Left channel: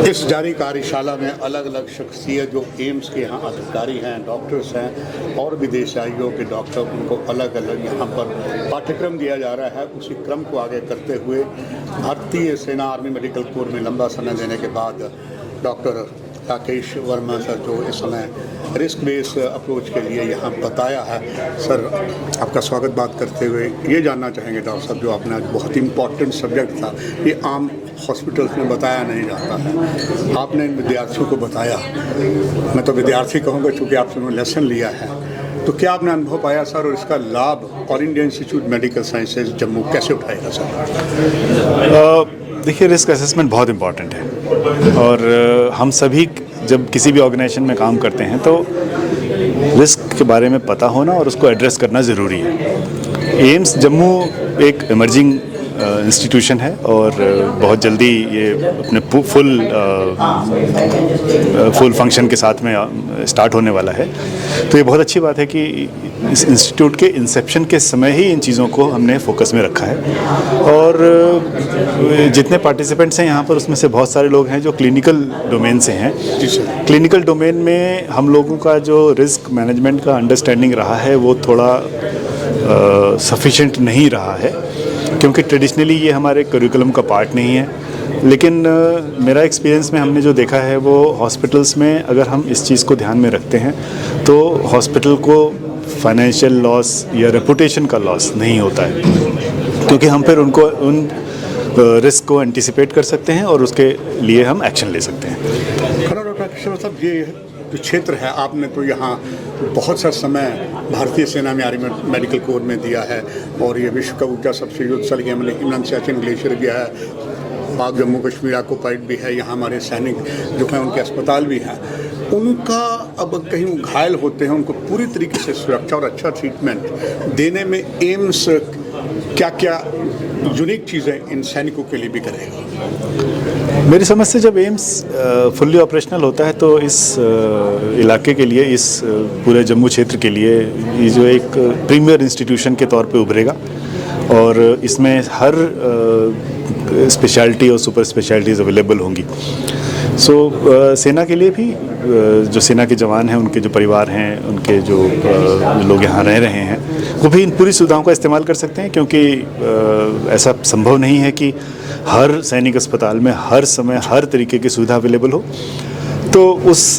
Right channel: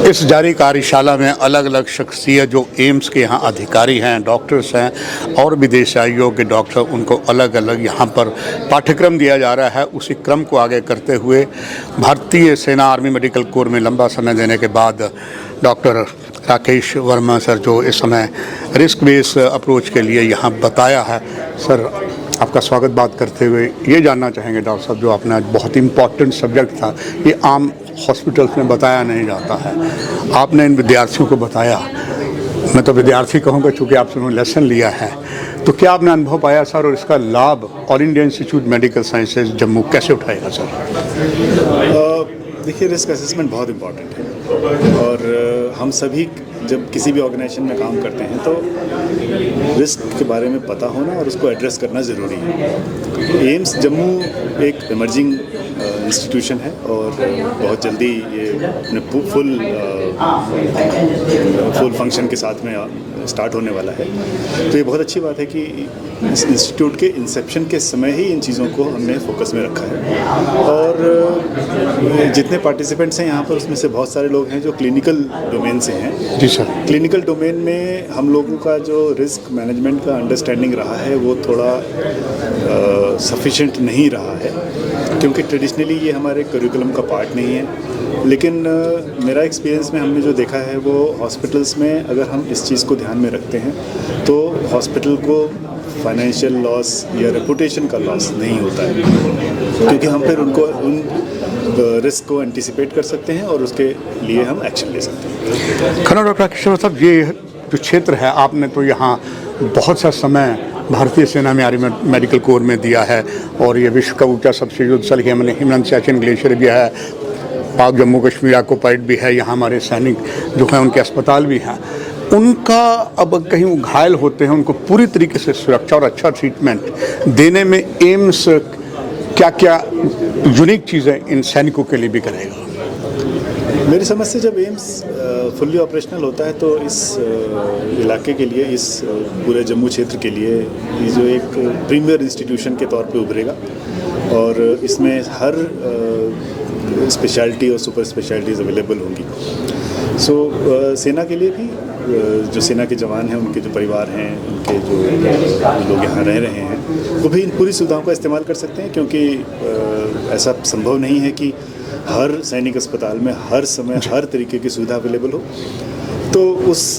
इस जारी कार्यशाला में अलग अलग शख्सियत जो एम्स के यहाँ अधिकारी हैं, डॉक्टर्स हैं और विदेशाइयों के डॉक्टर, उनको अलग अलग यहाँ पर पाठ्यक्रम दिया जा रहा है। उसी क्रम को आगे करते हुए भारतीय सेना आर्मी मेडिकल कोर में लंबा समय देने के बाद डॉक्टर राकेश वर्मा सर जो इस समय रिस्क बेस अप्रोच के लिए यहाँ बताया है। सर, आपका स्वागत बात करते हुए ये जानना चाहेंगे डॉक्टर साहब, जो आपने आज बहुत इम्पॉर्टेंट सब्जेक्ट था, ये आम हॉस्पिटल्स में बताया नहीं जाता है, आपने इन विद्यार्थियों को बताया। मैं तो विद्यार्थी कहूँगा चूँकि आपसे उन्होंने लेसन लिया है, तो क्या आपने अनुभव पाया सर, और इसका लाभ all India institute medical sciences Jammu कैसे उठाएगा सर? देखिए, रिस्क असेसमेंट बहुत इम्पॉर्टेंट है और हम सभी जब किसी भी ऑर्गेनाइजेशन में काम करते हैं तो रिस्क के बारे में पता होना और उसको एड्रेस करना ज़रूरी है। एम्स जम्मू एक इमर्जिंग इंस्टीट्यूशन है और बहुत जल्दी ये अपने फुल फंक्शन के साथ में स्टार्ट होने वाला है। तो ये बहुत अच्छी बात है कि इस इंस्टीट्यूट के इंसेप्शन के समय ही इन चीज़ों को हमने फोकस में रखा है और जितने पार्टिसिपेंट्स हैं यहाँ पर उसमें से बहुत सारे लोग हैं जो क्लिनिकल डोमेन से हैं। जी सर। क्लिनिकल डोमेन में हम लोगों का जो रिस्क मैनेजमेंट का अंडरस्टैंडिंग रहा है वो थोड़ा सफिशिएंट नहीं रहा है, क्योंकि ट्रेडिशनली ये हमारे करिकुलम का पार्ट नहीं है। लेकिन मेरा एक्सपीरियंस में हमने जो देखा है वो हॉस्पिटल्स में अगर हम इस चीज़ को ध्यान में रखते हैं तो हॉस्पिटल को फाइनेंशियल लॉस या रेपुटेशन का लॉस नहीं होता है, क्योंकि हम फिर उन रिस्क को एंटिसिपेट कर सकते हैं और उसके लिए हम एक्शन ले सकते हैं। खन्ना डॉक्टर किशोर साहब, ये जो क्षेत्र है, आपने तो यहाँ बहुत सा समय भारतीय सेना में आर्मी मेडिकल कोर में दिया है और ये विश्व का ऊंचा सबसे युद्ध स्थल है, मैंने हिमनंद सियाचिन ग्लेशियर भी है, पाक जम्मू कश्मीर ऑक्युपाइड भी है, यहाँ हमारे सैनिक जो हैं उनके अस्पताल भी हैं। उनका अब कहीं वो घायल होते हैं, उनको पूरी तरीके से सुरक्षा और अच्छा ट्रीटमेंट देने में एम्स क्या क्या यूनिक चीज़ें इन सैनिकों के लिए भी करेगा? मेरी समझ से जब एम्स फुल्ली ऑपरेशनल होता है तो इस इलाके के लिए, इस पूरे जम्मू क्षेत्र के लिए ये जो एक प्रीमियर इंस्टीट्यूशन के तौर पे उभरेगा और इसमें हर स्पेशलिटी और सुपर स्पेशलिटीज़ अवेलेबल होंगी। सेना के लिए भी, जो सेना के जवान हैं, उनके जो परिवार हैं, उनके जो लोग यहाँ रह रहे हैं, वो भी इन पूरी सुविधाओं का इस्तेमाल कर सकते हैं, क्योंकि ऐसा संभव नहीं है कि हर सैनिक अस्पताल में हर समय हर तरीके की सुविधा अवेलेबल हो। तो उस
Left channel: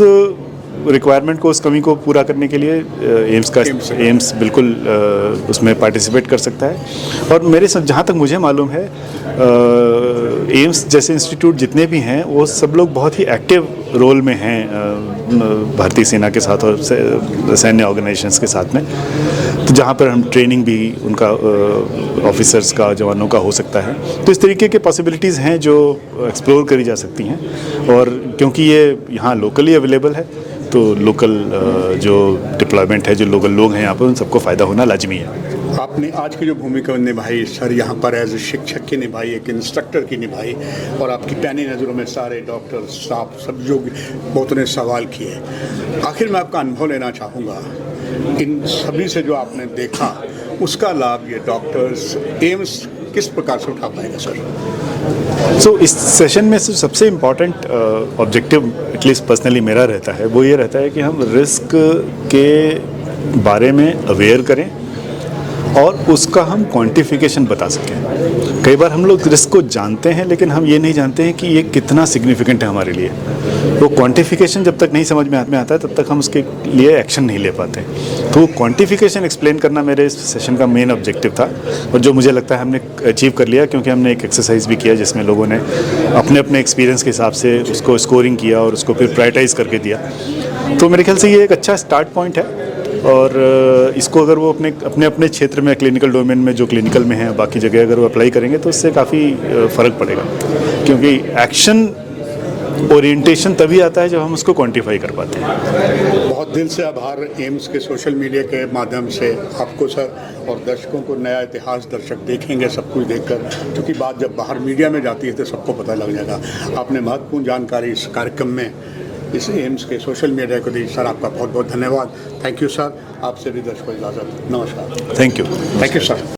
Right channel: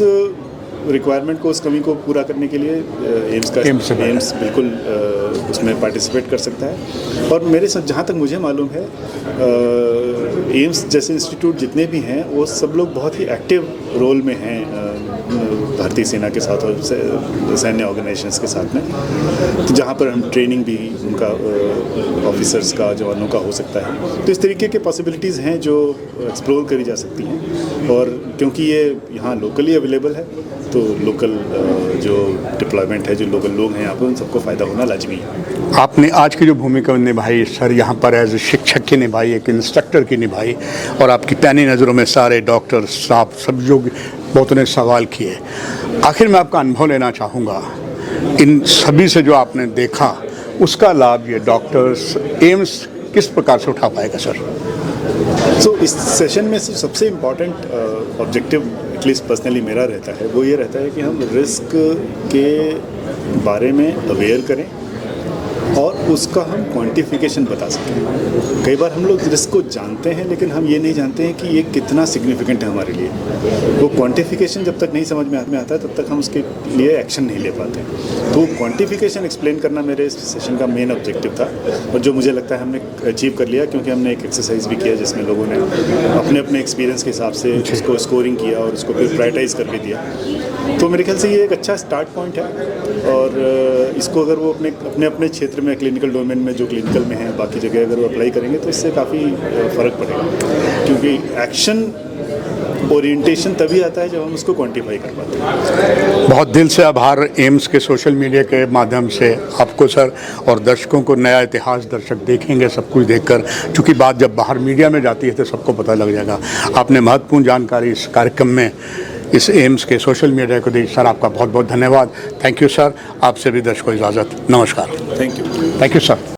रिक्वायरमेंट को, उस कमी को पूरा करने के लिए एम्स बिल्कुल उसमें पार्टिसिपेट कर सकता है। और मेरे जहाँ तक मुझे मालूम है, एम्स जैसे इंस्टीट्यूट जितने भी हैं वो सब लोग बहुत ही एक्टिव रोल में हैं भारतीय सेना के साथ और सैन्य ऑर्गेनाइजेशंस के साथ में, तो जहाँ पर हम ट्रेनिंग भी उनका ऑफिसर्स का, जवानों का हो सकता है। तो इस तरीके के पॉसिबिलिटीज़ हैं जो एक्सप्लोर करी जा सकती हैं और क्योंकि ये यहाँ लोकली अवेलेबल है तो लोकल जो डिप्लॉयमेंट है, जो लोकल लोग हैं यहाँ पर, उन सबको फ़ायदा होना लाजमी है। आपने आज की जो भूमिका निभाई सर, यहाँ पर एज शिक्षक की निभाई, एक इंस्ट्रक्टर की निभाई, और आपकी पैनी नज़रों में सारे डॉक्टर साहब सब जो बहुत ने सवाल किए। आखिर में आपका अनुभव लेना चाहूँगा, इन सभी से जो आपने देखा उसका लाभ ये डॉक्टर्स एम्स किस प्रकार से उठा पाएगा सर? इस सेशन में सबसे इम्पॉर्टेंट ऑब्जेक्टिव एटलीस्ट पर्सनली मेरा रहता है, वो ये रहता है कि हम रिस्क के बारे में अवेयर करें और उसका हम क्वांटिफिकेशन बता सकें। कई बार हम लोग रिस्क को जानते हैं लेकिन हम ये नहीं जानते हैं कि ये कितना सिग्निफिकेंट है हमारे लिए। वो क्वांटिफिकेशन जब तक नहीं समझ में आता है तब तक हम उसके लिए एक्शन नहीं ले पाते। तो क्वांटिफिकेशन एक्सप्लेन करना मेरे इस सेशन का मेन ऑब्जेक्टिव था और जो मुझे लगता है हमने अचीव कर लिया, क्योंकि हमने एक एक्सरसाइज भी किया जिसमें लोगों ने अपने अपने एक्सपीरियंस के हिसाब से उसको स्कोरिंग किया और उसको फिर प्रायोरिटाइज करके दिया। तो मेरे ख्याल से ये एक अच्छा स्टार्ट पॉइंट है और इसको अगर वो अपने अपने क्षेत्र में, क्लिनिकल डोमेन में, जो क्लिनिकल में है, बाकी जगह अगर वो अप्लाई करेंगे तो इससे काफ़ी फ़र्क पड़ेगा, क्योंकि एक्शन ओरिएंटेशन तभी आता है जब हम उसको क्वांटिफाई कर पाते हैं। बहुत दिल से आभार एम्स के सोशल मीडिया के माध्यम से आपको सर, और दर्शकों को नया इतिहास दर्शक देखेंगे सब कुछ देखकर, क्योंकि बात जब बाहर मीडिया में जाती है तो सबको पता लग जाएगा। आपने महत्वपूर्ण जानकारी इस कार्यक्रम में इस एम्स के सोशल मीडिया को दी सर, आपका बहुत बहुत धन्यवाद। Thank you sir. आपसे भी दर्शकों को इजाज़त, नमस्कार। Thank you sir.